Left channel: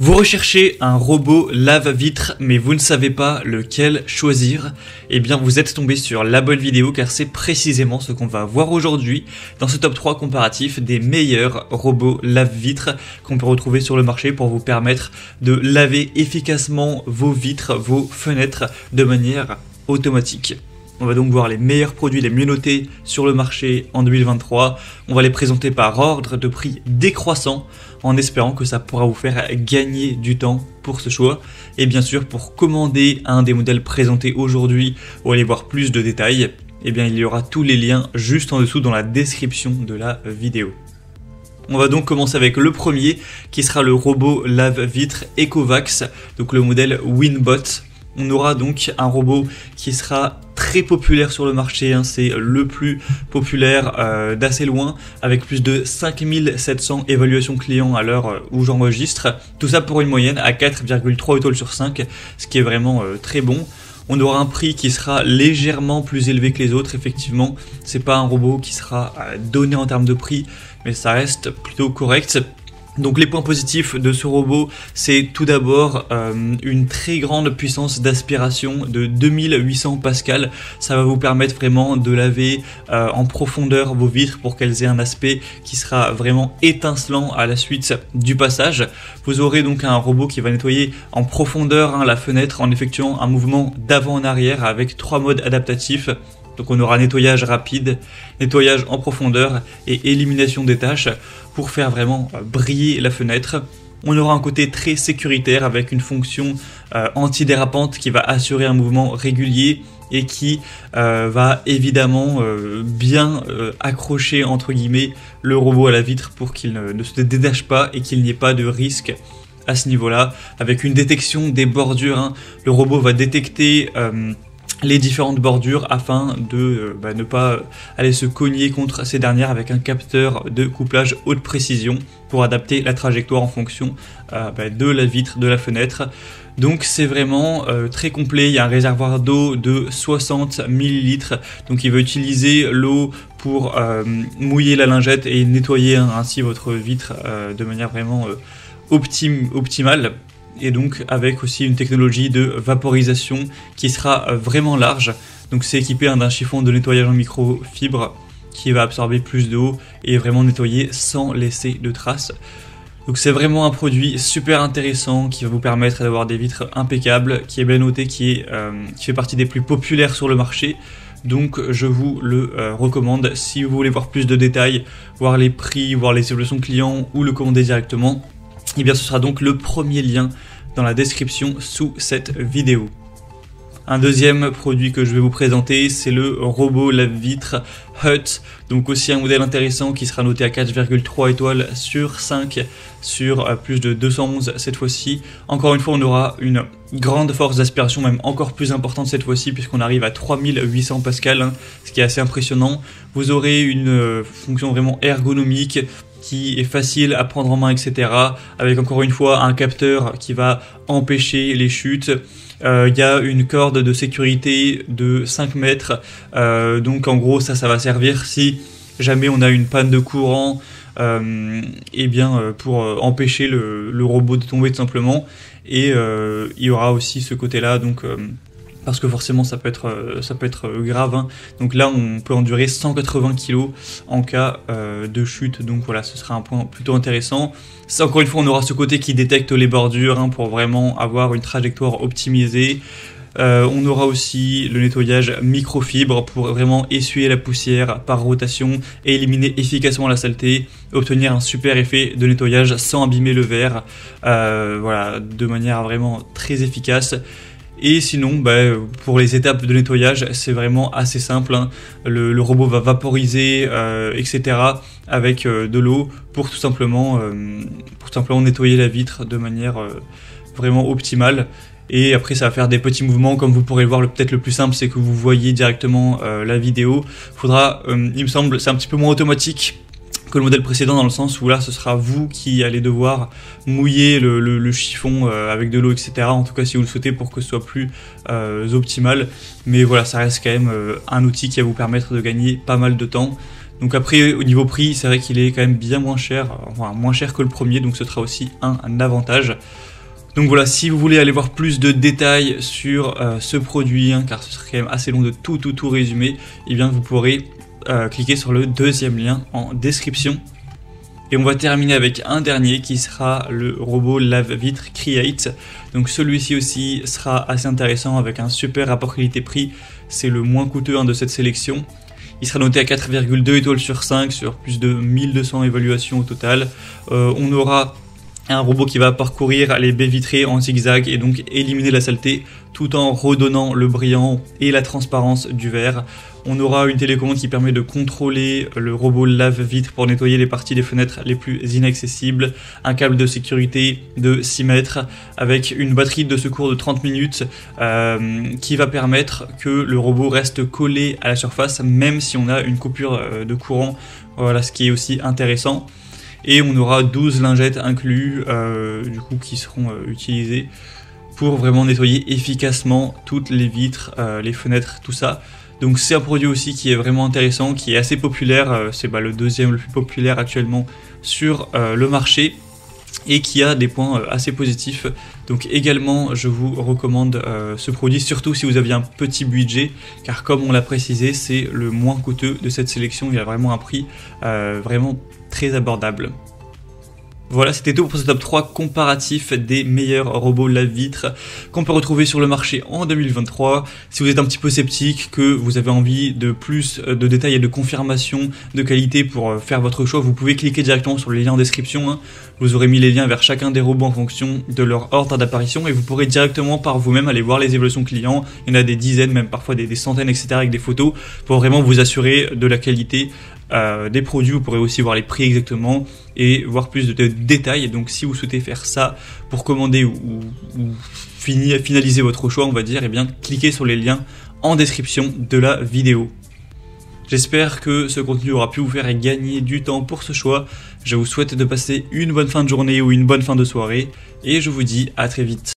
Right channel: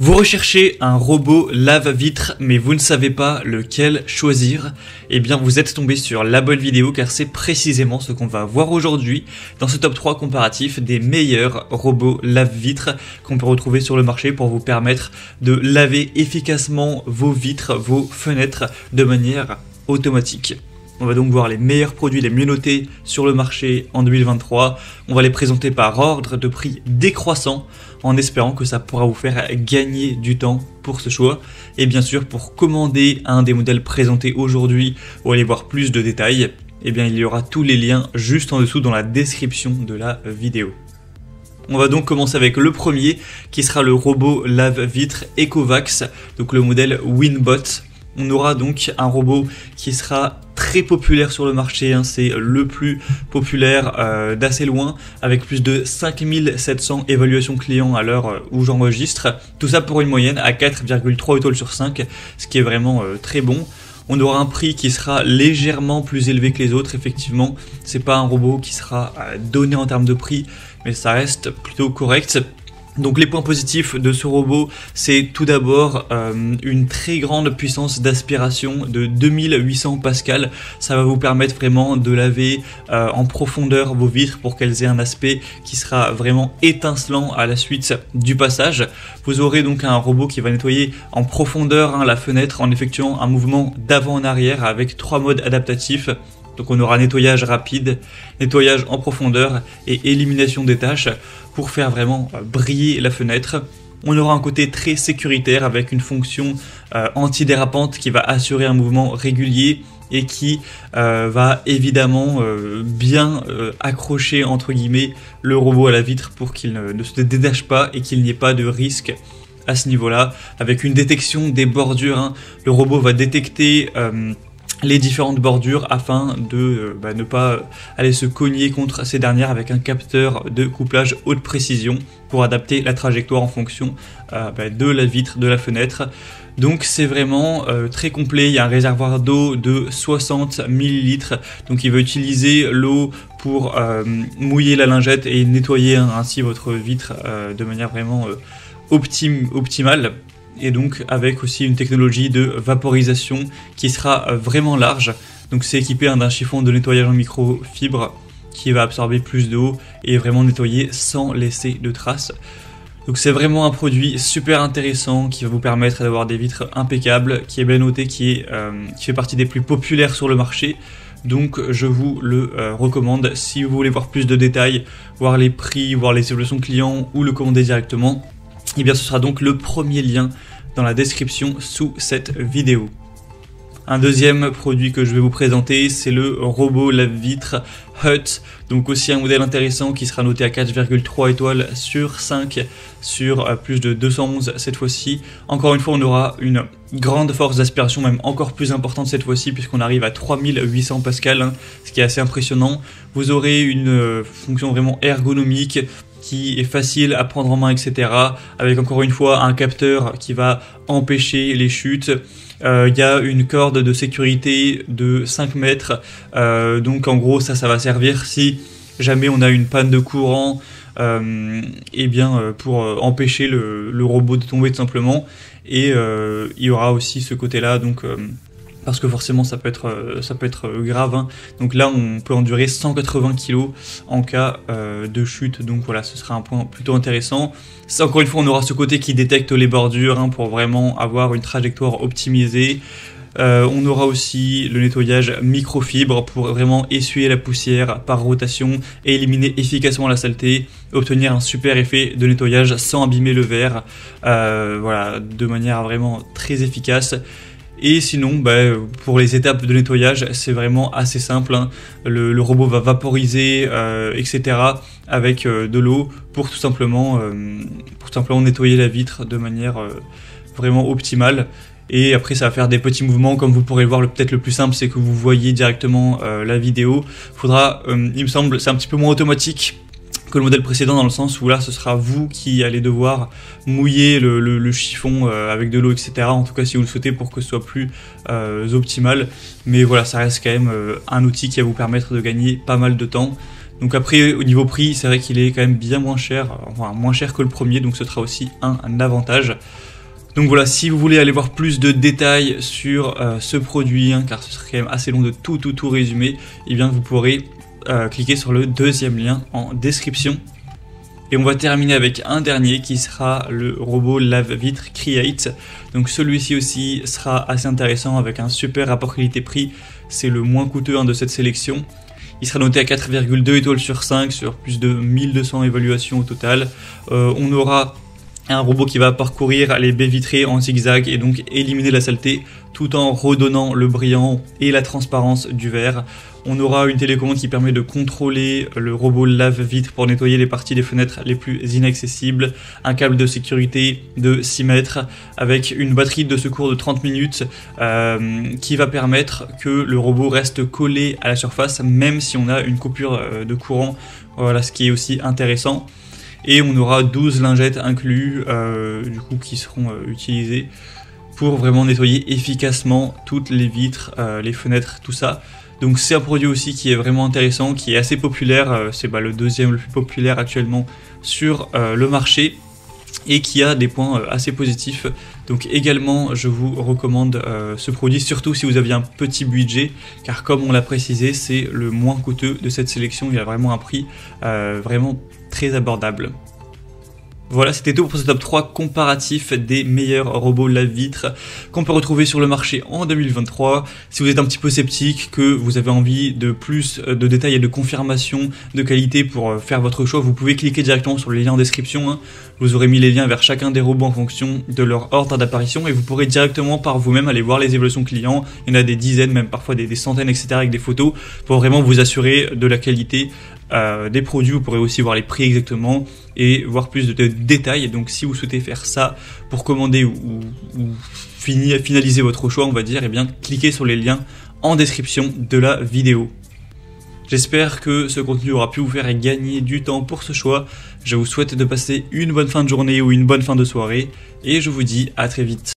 Vous recherchez un robot lave-vitre, mais vous ne savez pas lequel choisir? Eh bien, vous êtes tombé sur la bonne vidéo, car c'est précisément ce qu'on va voir aujourd'hui dans ce top 3 comparatif des meilleurs robots lave-vitres qu'on peut retrouver sur le marché pour vous permettre de laver efficacement vos vitres, vos fenêtres de manière automatique. On va donc voir les meilleurs produits les mieux notés sur le marché en 2023. On va les présenter par ordre de prix décroissant en espérant que ça pourra vous faire gagner du temps pour ce choix. Et bien sûr, pour commander un des modèles présentés aujourd'hui ou aller voir plus de détails, eh bien, il y aura tous les liens juste en dessous dans la description de la vidéo. On va donc commencer avec le premier qui sera le robot lave-vitre Ecovacs, donc le modèle Winbot. On aura donc un robot qui sera très populaire sur le marché, c'est le plus populaire d'assez loin, avec plus de 5700 évaluations clients à l'heure où j'enregistre. Tout ça pour une moyenne à 4,3 étoiles sur 5, ce qui est vraiment très bon. On aura un prix qui sera légèrement plus élevé que les autres, effectivement. C'est pas un robot qui sera donné en termes de prix, mais ça reste plutôt correct. Donc les points positifs de ce robot, c'est tout d'abord une très grande puissance d'aspiration de 2800 pascal. Ça va vous permettre vraiment de laver en profondeur vos vitres pour qu'elles aient un aspect qui sera vraiment étincelant à la suite du passage. Vous aurez donc un robot qui va nettoyer en profondeur la fenêtre en effectuant un mouvement d'avant en arrière avec 3 modes adaptatifs. Donc on aura nettoyage rapide, nettoyage en profondeur et élimination des taches pour faire vraiment briller la fenêtre. On aura un côté très sécuritaire avec une fonction antidérapante qui va assurer un mouvement régulier et qui va évidemment bien accrocher entre guillemets le robot à la vitre pour qu'il ne se détache pas et qu'il n'y ait pas de risque à ce niveau-là. Avec une détection des bordures, le robot va détecter les différentes bordures afin de ne pas aller se cogner contre ces dernières avec un capteur de couplage haute précision pour adapter la trajectoire en fonction de la vitre, de la fenêtre. Donc c'est vraiment très complet. Il y a un réservoir d'eau de 60 ml, donc il va utiliser l'eau pour mouiller la lingette et nettoyer ainsi votre vitre de manière vraiment optimale. Et donc avec aussi une technologie de vaporisation qui sera vraiment large. Donc c'est équipé d'un chiffon de nettoyage en microfibre qui va absorber plus d'eau et vraiment nettoyer sans laisser de traces. Donc c'est vraiment un produit super intéressant qui va vous permettre d'avoir des vitres impeccables, qui est bien noté, qui fait partie des plus populaires sur le marché. Donc je vous le recommande si vous voulez voir plus de détails, voir les prix, voir les évaluations clients ou le commander directement. Et bien ce sera donc le premier lien dans la description sous cette vidéo. Un deuxième produit que je vais vous présenter, c'est le robot lave-vitre Hut. Donc aussi un modèle intéressant qui sera noté à 4,3 étoiles sur 5 sur plus de 211 cette fois-ci. Encore une fois, on aura une grande force d'aspiration, même encore plus importante cette fois-ci, puisqu'on arrive à 3800 pascal, ce qui est assez impressionnant. Vous aurez une fonction vraiment ergonomique qui est facile à prendre en main, etc. Avec encore une fois un capteur qui va empêcher les chutes. Il y a une corde de sécurité de 5 mètres. Donc en gros ça va servir si jamais on a une panne de courant, pour empêcher le robot de tomber tout simplement. Et il y aura aussi ce côté-là, donc parce que forcément ça peut être grave. Donc là on peut endurer 180 kg en cas de chute, donc voilà, ce sera un point plutôt intéressant. Ça, encore une fois, on aura ce côté qui détecte les bordures pour vraiment avoir une trajectoire optimisée. On aura aussi le nettoyage microfibre pour vraiment essuyer la poussière par rotation et éliminer efficacement la saleté et obtenir un super effet de nettoyage sans abîmer le verre, voilà, de manière vraiment très efficace. Et sinon, pour les étapes de nettoyage, c'est vraiment assez simple. Le robot va vaporiser, etc. avec de l'eau pour tout simplement nettoyer la vitre de manière vraiment optimale. Et après, ça va faire des petits mouvements, comme vous pourrez le voir. Peut-être le plus simple, c'est que vous voyez directement la vidéo. Faudra, il me semble, c'est un petit peu moins automatique que le modèle précédent, dans le sens où là ce sera vous qui allez devoir mouiller le chiffon avec de l'eau, etc. En tout cas si vous le souhaitez, pour que ce soit plus optimal. Mais voilà, ça reste quand même un outil qui va vous permettre de gagner pas mal de temps. Donc après, au niveau prix, c'est vrai qu'il est quand même bien moins cher, moins cher que le premier, donc ce sera aussi un avantage. Donc voilà, si vous voulez aller voir plus de détails sur ce produit, hein, car ce serait quand même assez long de tout résumer, et bien vous pourrez cliquer sur le deuxième lien en description. Et on va terminer avec un dernier qui sera le robot lave-vitre Create. Donc celui-ci aussi sera assez intéressant avec un super rapport qualité-prix. C'est le moins coûteux de cette sélection. Il sera noté à 4,2 étoiles sur 5 sur plus de 1200 évaluations au total. On aura un robot qui va parcourir les baies vitrées en zigzag et donc éliminer la saleté tout en redonnant le brillant et la transparence du verre. On aura une télécommande qui permet de contrôler le robot lave-vitre pour nettoyer les parties des fenêtres les plus inaccessibles. Un câble de sécurité de 6 mètres avec une batterie de secours de 30 minutes qui va permettre que le robot reste collé à la surface même si on a une coupure de courant. Voilà, ce qui est aussi intéressant. Et on aura 12 lingettes inclus qui seront utilisées pour vraiment nettoyer efficacement toutes les vitres, les fenêtres, tout ça. Donc c'est un produit aussi qui est vraiment intéressant, qui est assez populaire, c'est le deuxième le plus populaire actuellement sur le marché et qui a des points assez positifs. Donc également je vous recommande ce produit, surtout si vous aviez un petit budget, car comme on l'a précisé, c'est le moins coûteux de cette sélection, il a vraiment un prix vraiment très abordable. Voilà, c'était tout pour ce top 3 comparatif des meilleurs robots lave-vitre qu'on peut retrouver sur le marché en 2023. Si vous êtes un petit peu sceptique, que vous avez envie de plus de détails et de confirmation de qualité pour faire votre choix, vous pouvez cliquer directement sur les liens en description. Vous aurez mis les liens vers chacun des robots en fonction de leur ordre d'apparition et vous pourrez directement par vous-même aller voir les évaluations clients. Il y en a des dizaines, même parfois des centaines, etc. avec des photos pour vraiment vous assurer de la qualité des produits. Vous pourrez aussi voir les prix exactement et voir plus de détails. Et donc si vous souhaitez faire ça pour commander ou finaliser votre choix, on va dire, et bien cliquez sur les liens en description de la vidéo. J'espère que ce contenu aura pu vous faire gagner du temps pour ce choix. Je vous souhaite de passer une bonne fin de journée ou une bonne fin de soirée et je vous dis à très vite.